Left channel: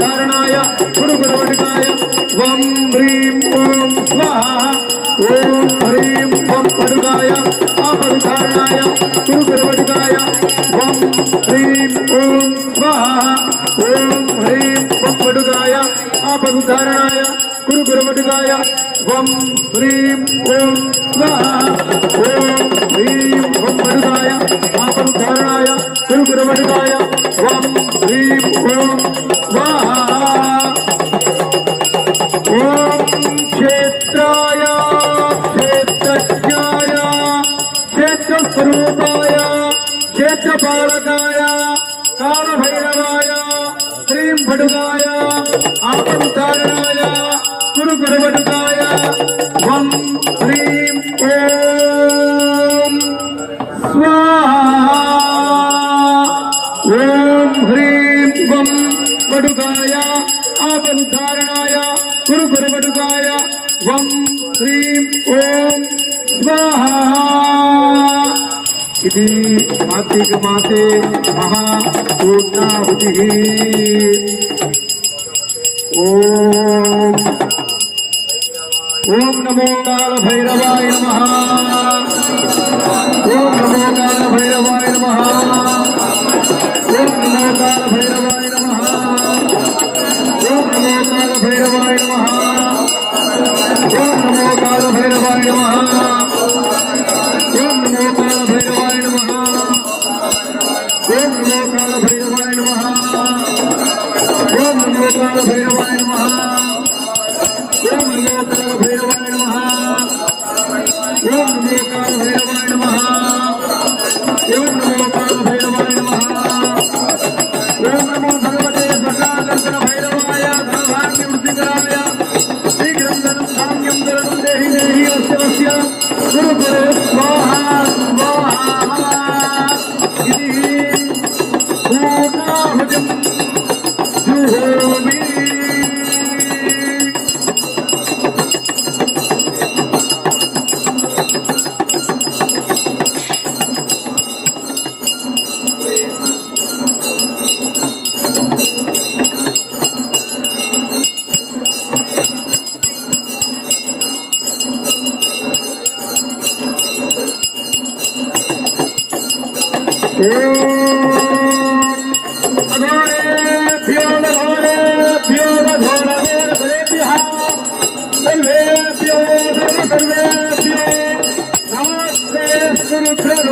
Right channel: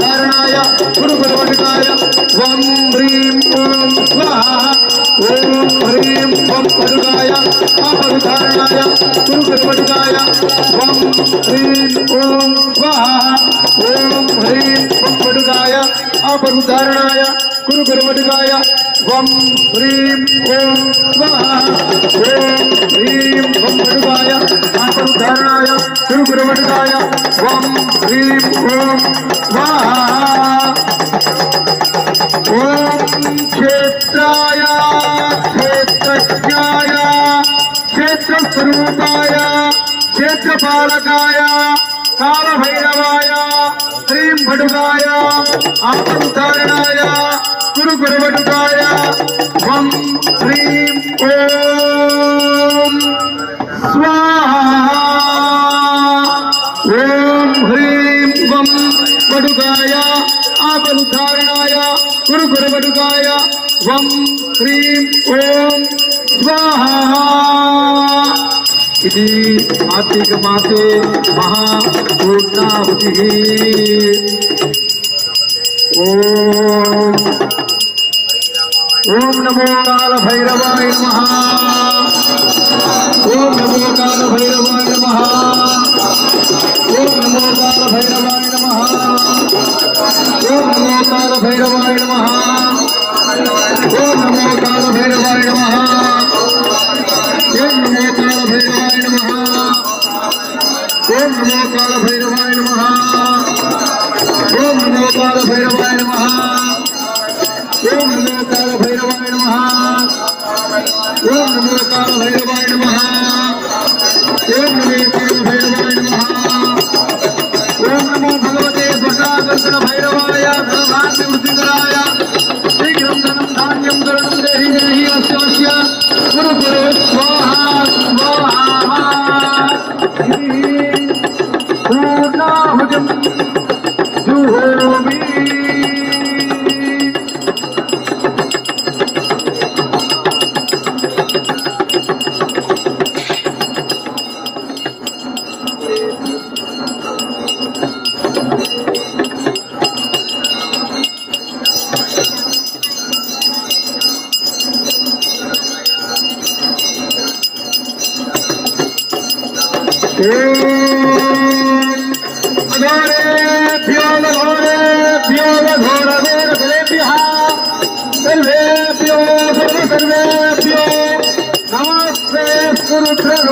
धारणाय गुरुगुरुवटकाय वं ह्रीं ओं स्वाहा ओं ह्रीं वं पडुगाय आपदुधारणाय गुरुगुरुवटकाय वं ह्रीं ओं स्वाहा ओं ह्रीं वं पडुगाय आपदुधारणाय गुरुगुरुवटकाय वं ह्रीं ओं स्वाहा ओं ह्रीं वं पडुगाय आपदुधारणाय गुरुगुरुवटकाय वं ह्रीं ओं स्वाहा ओं क्षेत्राय क्षेत्रज्ञाय क्षेत्रस्वरूपाय क्षेत्रपालकाय कालभैरवाय श्रीं भटुगाय आपदुधारणाय गुरुगुरुवटकाय वं ह्रीं ओं स्वाहा ओं ह्रीं वं पडुगाय आपदुधारणाय गुरुगुरुवटकाय वं ह्रीं ओं स्वाहा इति कार्तिक मासे महापूर्णाहुतिः ओम नमो काल भैरवाय नमः ओम नमो काल भैरवाय नमः ओम नमो काल भैरवाय नमः ओम नमो काल भैरवाय नमः ओम नमो काल भैरवाय नमः ओम नमो काल भैरवाय नमः ओम नमो काल भैरवाय नमः ओम नमो काल भैरवाय नमः ओम नमो काल भैरवाय नमः ओम नमो काल भैरवाय नमः ओम नमो काल भैरवाय नमः ओम नमो भगवते स्वसागर्धन भैरवाय धनधान्य वृद्धिकराय शीघ्रं धनं धान्यं धरणं देहि देहि अवश्य गुरु गुरु स्वाहा स्वाहा इति पूर्णाहुतिं जुहोमि सर्वेभ्यो सर्वेभ्यो नमस्ते गुरुभ्यो